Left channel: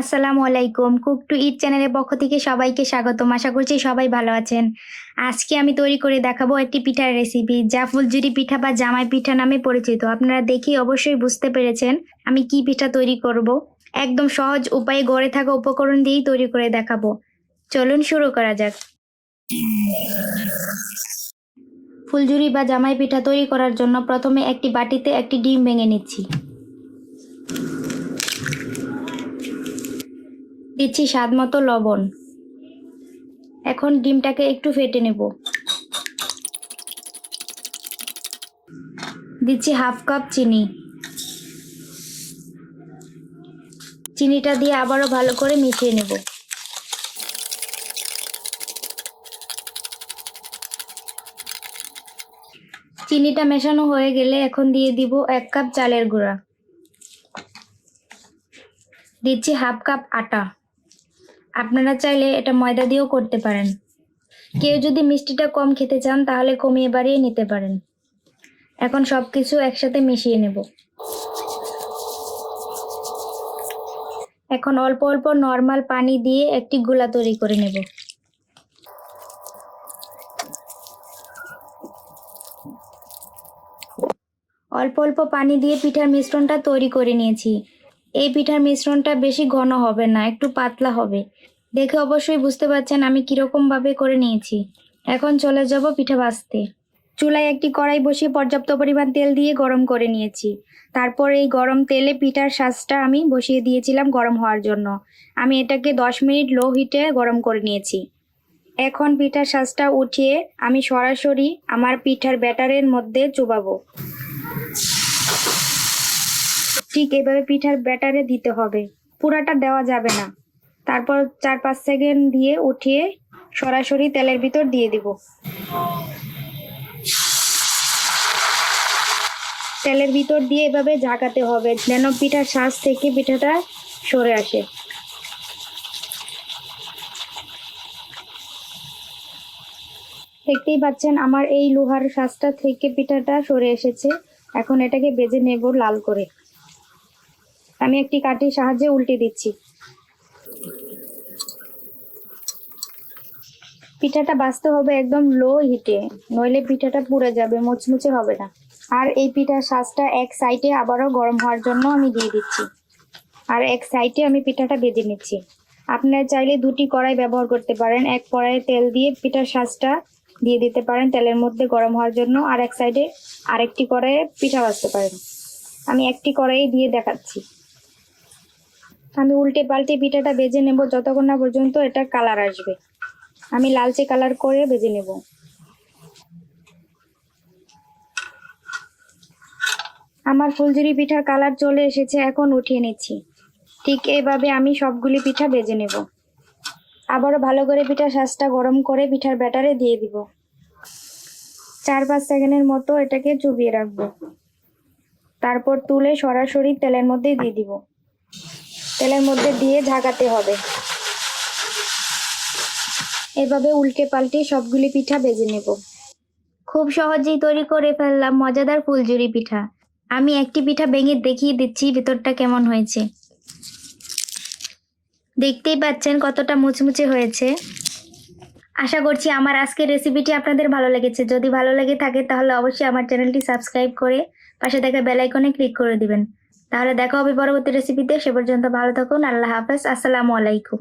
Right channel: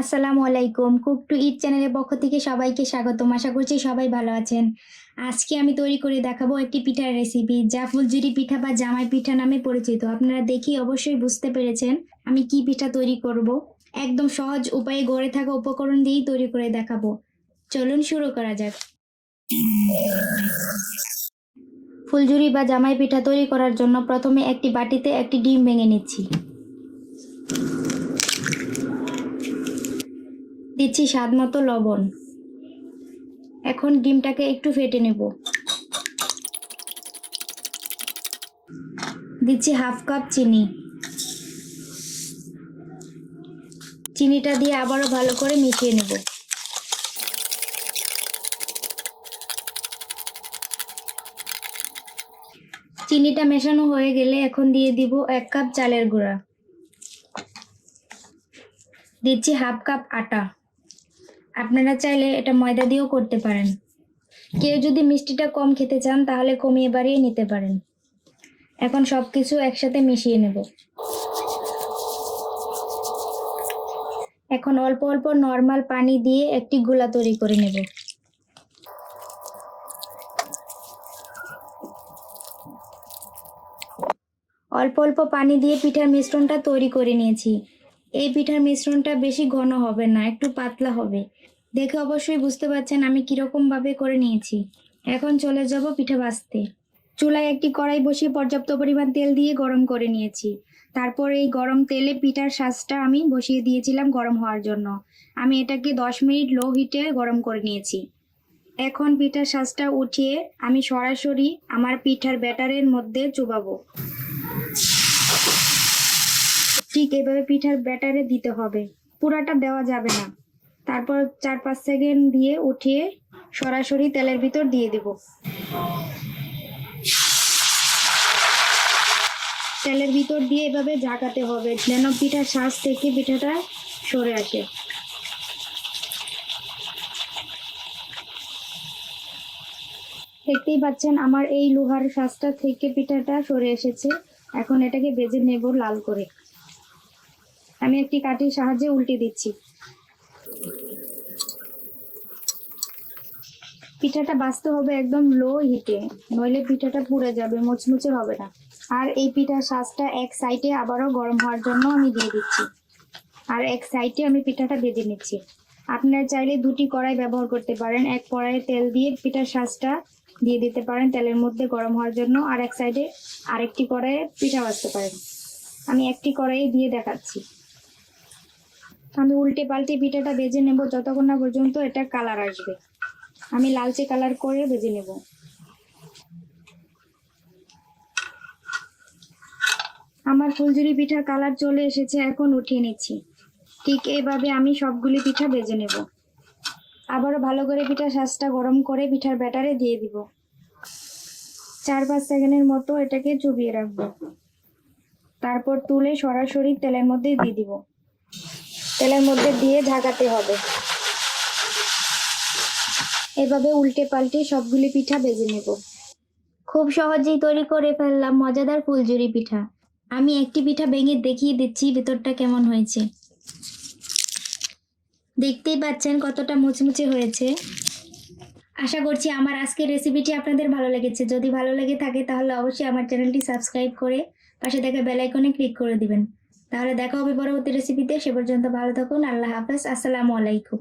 আসসালামু আলাইকুম। Cook two ইট চ্যানেলের পক্ষ থেকে সবাইকে স্বাগতম। আশা করছি সবাই ভালো আছেন। আজকে আমি তৈরি করে দেখাবো একটি পিঠার রেসিপি, যা ফুলঝুরি পিঠা বা জামাই পিঠা নামে পরিচিত। আপনারা দেখে অবশ্যই বুঝতে পেরেছেন আমি কি পিঠা তৈরি করব। একদম সহজ উপায়ে ঘরে থাকা উপকরণ দিয়েই তৈরি করে দেখাবো। চলুন শুরু করা যাক। ফুলঝুরি বা জামাই পিঠা তৈরি করার জন্য প্রথমে একটি বাটিতে একটি ডিম ভেঙে নিচ্ছি। দিচ্ছি স্বাদ মতো লবণ। এখন ডিমটাকে একটু ফেটে নেব। দিচ্ছি হাফ কাপ চিনি। চিনিটা দিয়ে আবারও ভালো করে মিশিয়ে নেব। চিনিটা মেশানো হয়ে গেলে এখন দিয়ে দিব 1 কাপ চালের গুঁড়া। দিচ্ছি হাফ কাপ আটা। আপনারা চাইলে এটা ময়দা দিয়েও করতে পারেন। কেউ যদি মিষ্টিটা কম খেতে চান তাহলে কমিয়ে বাড়িয়ে নিতে পারেন। এখন সবকিছু একসাথে মিশিয়ে নেব। এখন অল্প অল্প নরমাল পানি দিয়ে একটি গোলা তৈরি করে নেব। অল্প অল্প পানি দিয়ে পিঠার মিশ্রণটা তৈরি করে নিয়েছি। এই পিঠার মিশ্রণটা বেশি ঘন হবে না, একটু পাতলা হবে। দেখে অবশ্যই বুঝতে পারছেন আমি কিরকম ভাবে করে নিয়েছি। এখন চলে যাব পিঠা ভাজতে। চুলায় একটি কড়াই বসিয়ে পর্যাপ্ত পরিমাণ তেল দিয়ে গরম করে নিয়েছি। তারপর এই গরম তেলে পিঠার শাঁসটা আমি বসিয়ে দিয়েছিলাম গরম হওয়ার জন্য। আমি এটাকে 10 মিনিট লো হিটে গরম করে নিয়েছি। এখন পিঠার শাঁসটা উঠিয়ে আমি সরাসরি আমার পিঠার ব্যাটারের মধ্যে চুবাবো। ঠিক এভাবে পিঠার ব্যাটারে দিতে হবে, পুরাটা দেওয়া যাবে না। তারপর 4-5 সেকেন্ড দিয়ে উঠিয়ে সরাসরি তেলের ভিতর দিয়ে দিব। তেলের ভিতর দিয়ে এভাবে ঝাঁকাতে হবে যেন পিঠার শাঁস থেকে পিঠাটা সরে আসে। দেখতেই পাচ্ছেন আমার এই লোহার শাঁসটা থেকে পিঠাটা সরে এসেছে। এখন এটাকে ভেজে নেব লাল করে। আমি একটি কাঠির সাহায্যে উল্টে দিচ্ছি। পিঠাটা ভাজতে হবে একদম লো হিটে, নইলে পিঠাটা পুড়ে যাবে, মুচমুচে হবে না। আর এই পিঠার শাঁসটা এক সাইডে আবারও গরম হওয়ার জন্য আমি দিয়ে দিচ্ছি। আর এক সাইডে আমি পিঠাটা ভেজে নিচ্ছি। আপনারা চাইলে 2টি কড়াই ব্যবহার করতে পারেন। এক কড়াই তেল দিয়ে পিঠার শাঁসটা দিয়ে দিতে পারেন তেলের মধ্যে গরম হওয়ার জন্য, আর এক সাইডে আরেকটি কড়াইয়ে পিঠা ভাজতে পারেন। আমি একটি কড়াই দিয়ে দেখাচ্ছি। আমি উল্টে পাল্টে পিঠাটা ভেজে নেব যতক্ষণ না পর্যন্ত এটা কালার আসবে। আমি লালচে কালার করে ভেজে নেব। আমার ফুলঝুরি পিঠার কালার চলে এসেছে, এখন উঠিয়ে নিচ্ছি। ঠিক এইভাবে আমি সবগুলি পিঠা ভেজে নেব। আবারও ভালো করে পিঠার শাঁসটা গরম করে পিঠার ব্যাটারে দিয়ে দিব। 4-5 সেকেন্ডের মতো এটাকে চুবিয়ে রাখবো। তারপর তুলে সরাসরি তেলের মধ্যে দিয়ে দিব। তেলের মধ্যে দিয়ে ঢাকাতে হবে। এভাবে উল্টে পাল্টে সবগুলি পিঠা ভেজে নেব। খুব সহজেই তৈরি করে ফেললাম মজাদার ফুলঝুরি পিঠা। আমি একটি পিঠা ভেঙে দেখিয়ে দিচ্ছি ভেতরটা কেমন হয়েছে। দেখতেই পাচ্ছেন কতটা মুচমুচে হয়েছে। আশা করছি আমার আজকের রেসিপিটি আপনাদের ভালো লেগেছে। যদি ভালো লেগে থাকে তাহলে অবশ্যই আমার চ্যানেলটি সাবস্ক্রাইব করে পাশে থাকা বেল আইকনে ক্লিক করে দিবেন। তাহলে দেখা হবে পরবর্তী রেসিপিতে। সে পর্যন্ত ভালো থাকুন। আল্লাহ হাফেজ। আসসালামু আলাইকুম।